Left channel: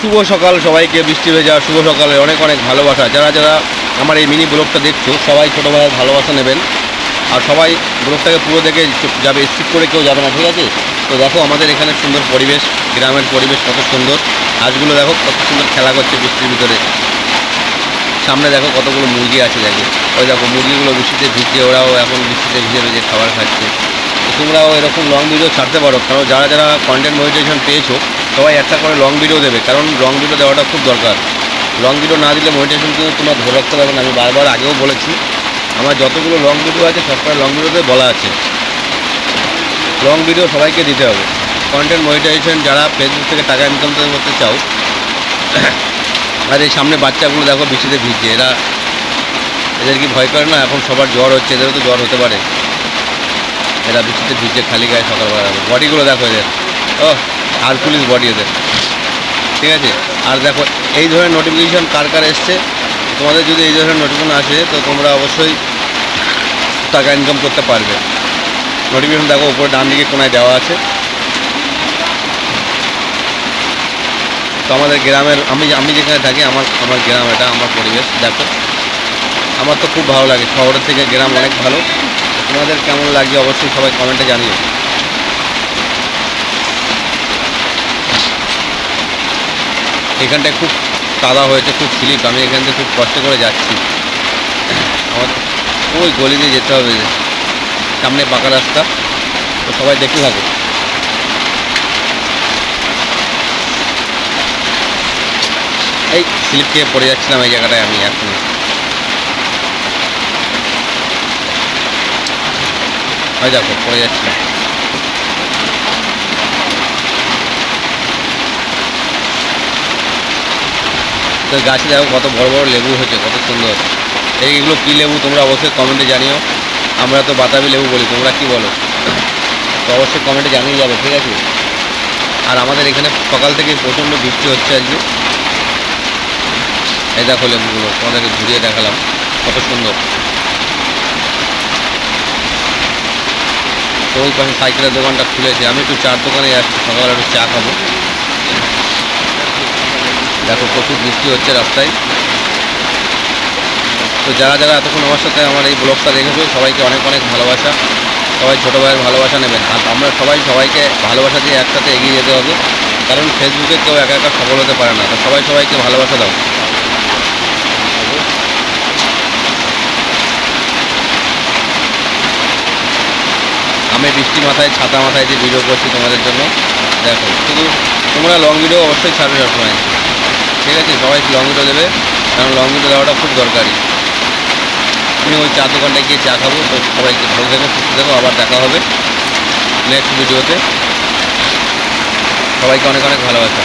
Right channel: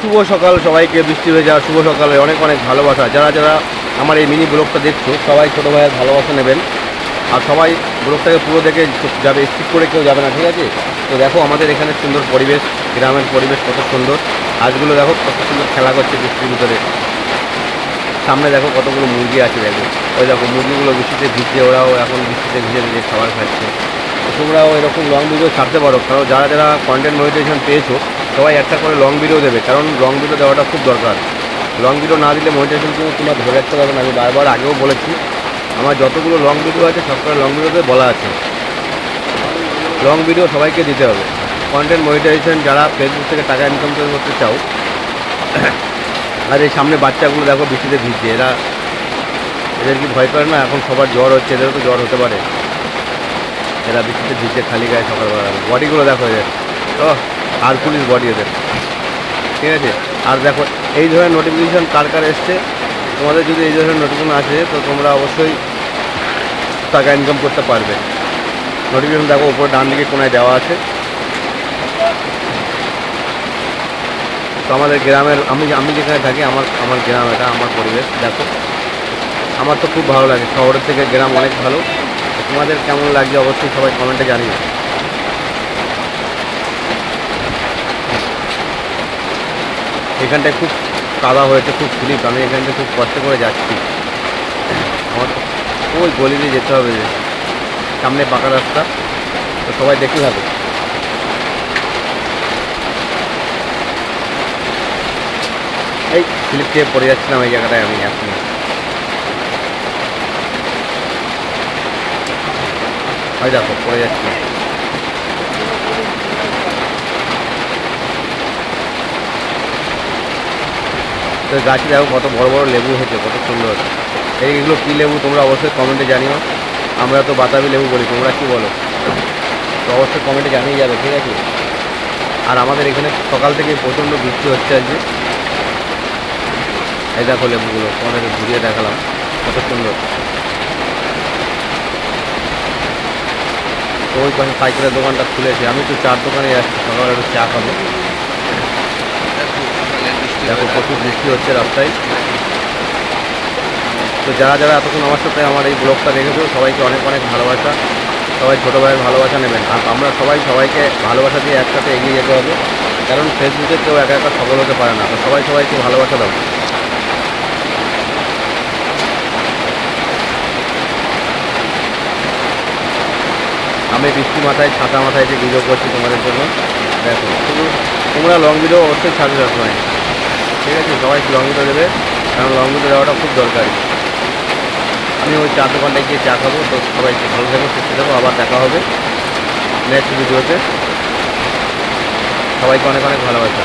শুভ সকাল সবাইকে, বৃষ্টি ভেজা শুভ সকালে অনেক অনেক ভালোবাসা। যারা যারা আমার এই মিনি ব্লগটা দেখছো সবাই ছোটো ভাইয়ের ভালোবাসা নেবেন, আর সবাই ব্লগটাকে পুরো দেখে যাবে, স্কিপ করে কেউ যাবে না, ঠিক আছে? তো দেখো আমাদের এখানে সুন্দর পরিবেশ, গ্রামের পরিবেশ কত সুন্দর। হাঁসগুলো দেখো কত সুন্দর খেলা করছে বৃষ্টির ভিতরে। সামনে দেখো কতগুলো মুরগি আছে, দেখো ওই দেখো মুরগিগুলো বৃষ্টিতে ভিজছে, ওরাও এখন বৃষ্টিতে ভিজে ভিজে খাবার খাচ্ছে। তো তোমরাও এরকম লং ভিডিও ছাড়তে পারো, কারণ যারা যারা কন্টেন্ট মনিটাইজেশন পেয়েছো সবাই একটা করে লং ভিডিও দেবে, কারণ লং ভিডিও দেওয়াটা খুব দরকার। লং ভিডিও না দিলে মনিটাইজেশন কিন্তু তোমরা ধরে রাখতে পারবে না। আমি বারবার আগেও বলেছি, আমার যতগুলো লং ভিডিও আছে সবকটা লং ভিডিওতে বলা আছে লং ভিডিও সবাইকে দিতে হবে। কন্টেন্ট মনিটাইজেশন যারা ফেসবুক থেকে টাকা ইনকাম করতে চাও, আর এই সামনে বাচ্চাগুলো দেখো বৃষ্টিতে ভিজছে, এদের কি ভয় করে না? এখন সবার জ্বর হচ্ছে, এদেরও তো জ্বর হতে পারে। এরা বৃষ্টিতে ভিজছে খালি গায়ে সকালবেলা, বডিগুলো দেখো এদের, ও হারকুলিস বডি এদের, ঠিক আছে? আর দেখো এই ধরনের নোটিফিকেশান কার কার এসছে, তোমাদের যদি এই ধরনের নোটিফিকেশান আসে তো তোমরা অবশ্যই টাকা ইনকাম করতে পারবে। নোটিফিকেশান দেখো উপরে ডান দিকে কোনায় দেওয়া আছে। তো আমাদের গ্রামের, আমি যেখানে থাকি, আমার গ্রাম, এটা আমার পরিবেশ দেখো। আমার তো খুব ভালো লাগে, শহরের থেকে গ্রাম অনেক ভালো। তোমাদের কেমন লাগছে অবশ্যই সবাই কমেন্টে জানিও। এখানটায় খুব কাদা হয়েছে, খুব স্লিপ, আমি এখান থেকে খুব কষ্ট করে যাচ্ছি। আমার ওই গলি দিয়ে যেতে হবে, সামনে পাকা রাস্তা। তো সবাই দেখতে থাকো। এই স্লিপ খেয়ে পড়ে যাচ্ছিলাম এই জায়গাটায় আমি এখনই। হয় দেখো পড়ে যাচ্ছিলাম। তো গাছে দেখো কত বড় বড় লেবু হয়েছে, কত সুন্দর। এইগুলো কী লেবু তোমরা অবশ্যই কমেন্টে জানিও। আমরা তো বাতাবি লেবু বলি, তোমরা কি বলো? তো অবশ্যই কমেন্টে জানিয়ে যাবে, ঠিক আছে? আর আমাদের এখানে সকাল থেকে প্রচণ্ড বৃষ্টি হচ্ছে আজকে। এই দেখো লেবুগুলো তোমাদেরকে ঘুরিয়ে দেখালাম, কত সুন্দর। তো ওই পাশে সাইকেলের দোকানটা খুলেছে, আমি একটু চার দোকানে যাচ্ছি, সকালবেলা একটু চা খাবো। দেখো প্রচুর বৃষ্টি হচ্ছে রাস্তায়। তো যারা যারা এতক্ষণ আমার সাথে আমার এই ব্লগটা দেখেছো সবাইকে অনেক অনেক ভালোবাসা। সবাই ছোটো ভাইয়ের ভালোবাসা নেবেন, আর আমরা সবাই সবাইকে ভালোবাসা দিয়ে একসাথে এগিয়ে যেতে হবে, কারণ ফেসবুকে কেউ একা একা সফল হতে পারে না। তো সবাই সবাইকে ভালোবাসা দাও। আমি বৃষ্টি মাথায়, ছাতা মাথায় যে ভিডিও করছি তোমাদের জন্য, দেখো শুধু তোমরা লং ভিডিও অবশ্যই ছাড়বে সবসময়, ঠিক আছে? সবাই লং ভিডিও দেবে, কারণ লং ভিডিও দেওয়াটা খুব দরকারি। আমি ওই চা দোকানটায় গিয়ে চা খাবো। তো সবাইকে ভালো থেকো, সুস্থ থেকো, আবার দেখা হবে নেক্সট ভিডিওতে। সবাইকে অনেক অনেক ভালোবাসা।